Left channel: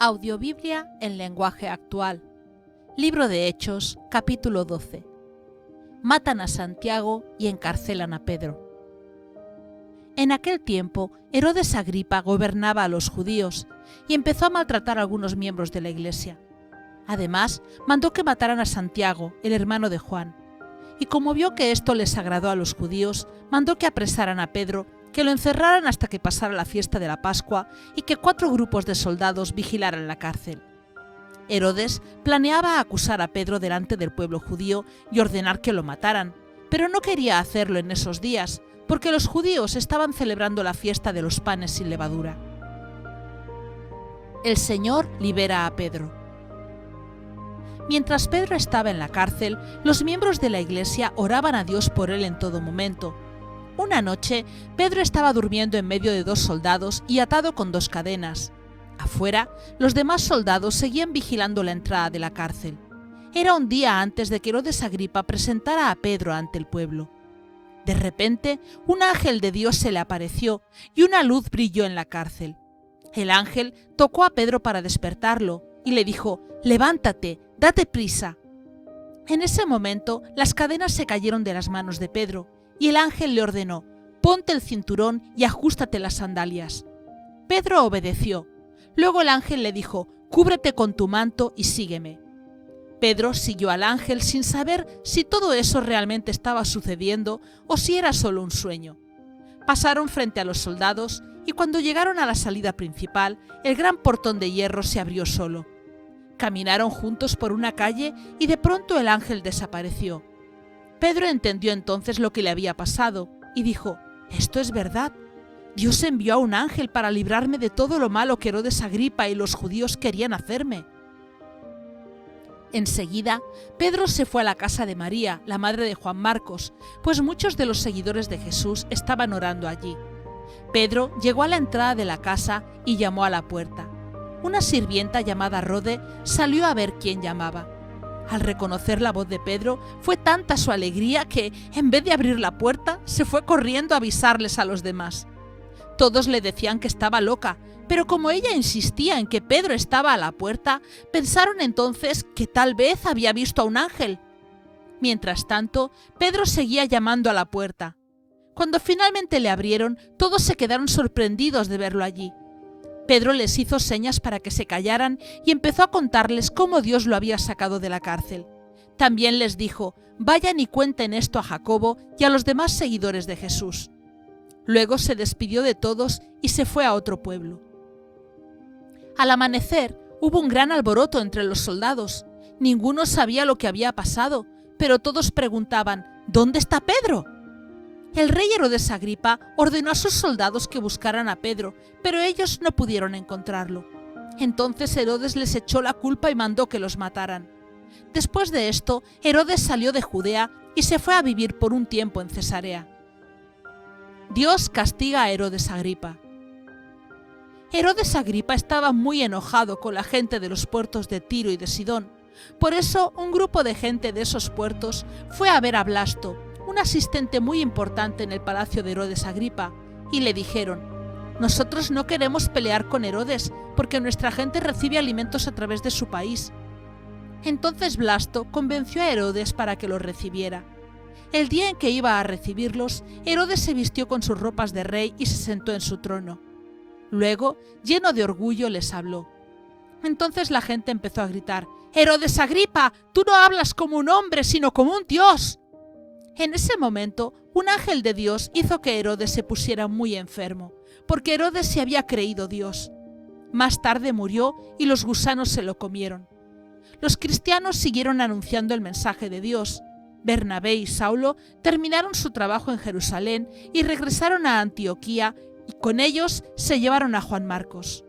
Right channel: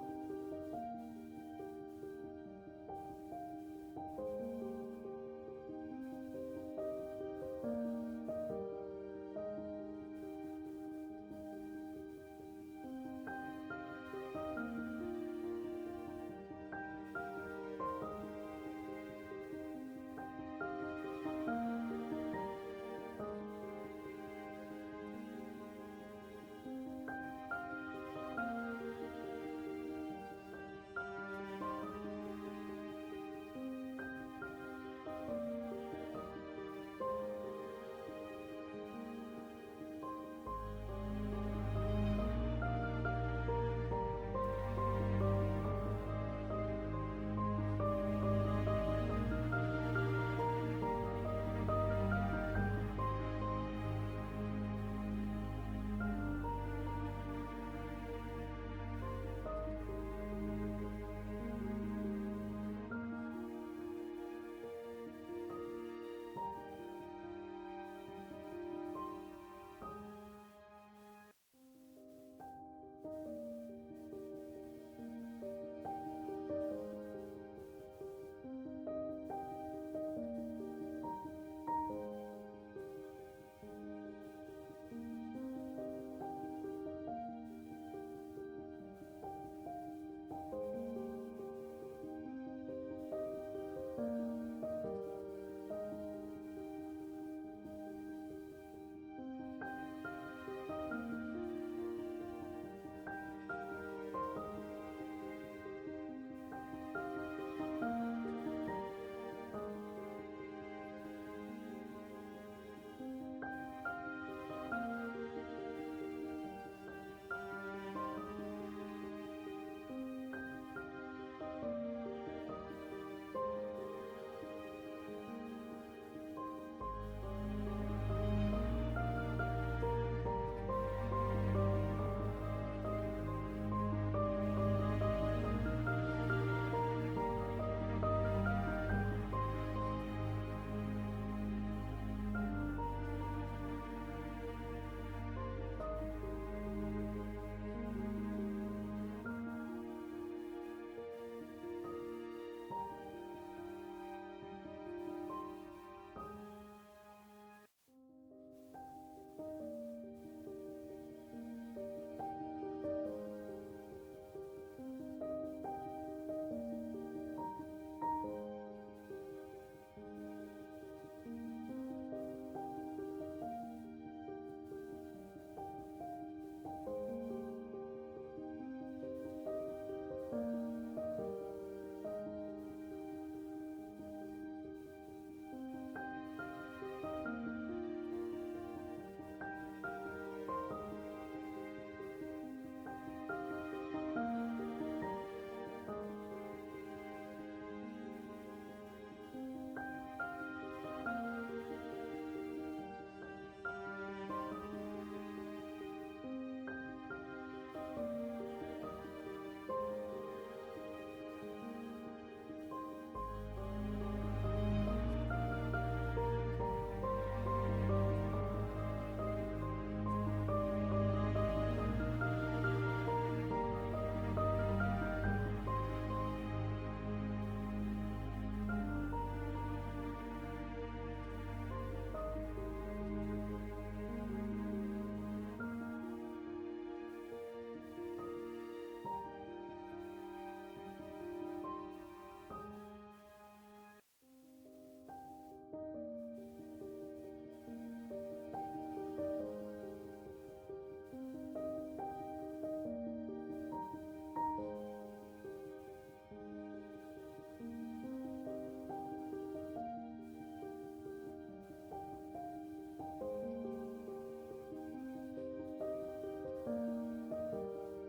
Audiobiblia en lenguaje actual. Libro de Hechos, capítulo 12. Matan a Santiago y encarcelan a Pedro. En aquel tiempo, Herodes Agripa gobernaba a los judíos y empezó a maltratar a algunos miembros de la iglesia. Además, mandó que mataran a Santiago, el hermano de Juan. Y como vio que esto les agradó a los judíos, mandó que apresaran a Pedro, que lo encerraran hasta que pasara la fiesta de la Pascua y que 4 grupos de soldados vigilaran la cárcel. Herodes planeaba acusar a Pedro delante del pueblo judío y ordenar que lo mataran, pero no quería hacerlo en esos días, porque los judíos estaban celebrando la fiesta de los panes sin levadura. El Señor libera a Pedro. Mientras Pedro estaba en la cárcel, los miembros de la iglesia oraban a Dios por él en todo momento. Una noche, Pedro estaba durmiendo en medio de 2 soldados y atado con 2 cadenas. Afuera, los demás soldados seguían vigilando la entrada de la cárcel. Era un día antes de que Herodes Agripa presentara a Pedro ante el pueblo. De repente, un ángel de Dios se le apareció y una luz brilló en la cárcel. El ángel tocó a Pedro para despertarlo y le dijo: «Levántate, date prisa». En ese momento, las cadenas se cayeron de las manos de Pedro y el ángel le ordenó: «Ponte el cinturón y ajústate las sandalias». Pedro obedeció. Luego el ángel le dijo: «Cúbrete con tu manto y sígueme». Pedro siguió al ángel sin saber si todo eso realmente estaba sucediendo o si era solo un sueño. Pasaron frente a los soldados y cuando llegaron a la salida principal, el gran portón de hierro se abrió solo. Caminaron juntos por una calle y de pronto el ángel desapareció. Pedro entendió entonces lo que le había pasado y dijo: «Esto es verdad. Dios envió a un ángel para librarme de todo lo malo que Herodes Agripa y los judíos querían hacerme». Enseguida, Pedro se fue a la casa de María, la madre de Juan Marcos, pues muchos de los seguidores de Jesús estaban orando allí. Pedro llegó a la entrada de la casa y llamó a la puerta. Una sirvienta llamada Rode salió a ver quién llamaba. Al reconocer la voz de Pedro, fue tanta su alegría que, en vez de abrir la puerta, se fue corriendo a avisarles a los demás. Todos le decían que estaba loca, pero como ella insistía en que Pedro estaba a la puerta, pensaron entonces que tal vez había visto a un ángel. Mientras tanto, Pedro seguía llamando a la puerta. Cuando finalmente le abrieron, todos se quedaron sorprendidos de verlo allí. Pedro les hizo señas para que se callaran y empezó a contarles cómo Dios lo había sacado de la cárcel. También les dijo: «Vayan y cuenten esto a Jacobo y a los demás seguidores de Jesús». Luego se despidió de todos y se fue a otro pueblo. Al amanecer, hubo un gran alboroto entre los soldados. Ninguno sabía lo que había pasado, pero todos preguntaban: «¿Dónde está Pedro?». El rey Herodes Agripa ordenó a sus soldados que buscaran a Pedro, pero ellos no pudieron encontrarlo. Entonces Herodes les echó la culpa y mandó que los mataran. Después de esto, Herodes salió de Judea y se fue a vivir por un tiempo en Cesarea. Dios castiga a Herodes Agripa. Herodes Agripa estaba muy enojado con la gente de los puertos de Tiro y de Sidón. Por eso, un grupo de gente de esos puertos fue a ver a Blasto, un asistente muy importante en el palacio de Herodes Agripa, y le dijeron: «Nosotros no queremos pelear con Herodes, porque nuestra gente recibe alimentos a través de su país». Entonces Blasto convenció a Herodes para que los recibiera. El día en que iba a recibirlos, Herodes se vistió con sus ropas de rey y se sentó en su trono. Luego, lleno de orgullo, les habló. Entonces la gente empezó a gritar: «Herodes Agripa, tú no hablas como un hombre, sino como un dios». En ese momento, un ángel de Dios hizo que Herodes se pusiera muy enfermo, porque Herodes se había creído Dios. Más tarde murió y los gusanos se lo comieron. Los cristianos siguieron anunciando el mensaje de Dios. Bernabé y Saulo terminaron su trabajo en Jerusalén y regresaron a Antioquía, y con ellos se llevaron a Juan Marcos.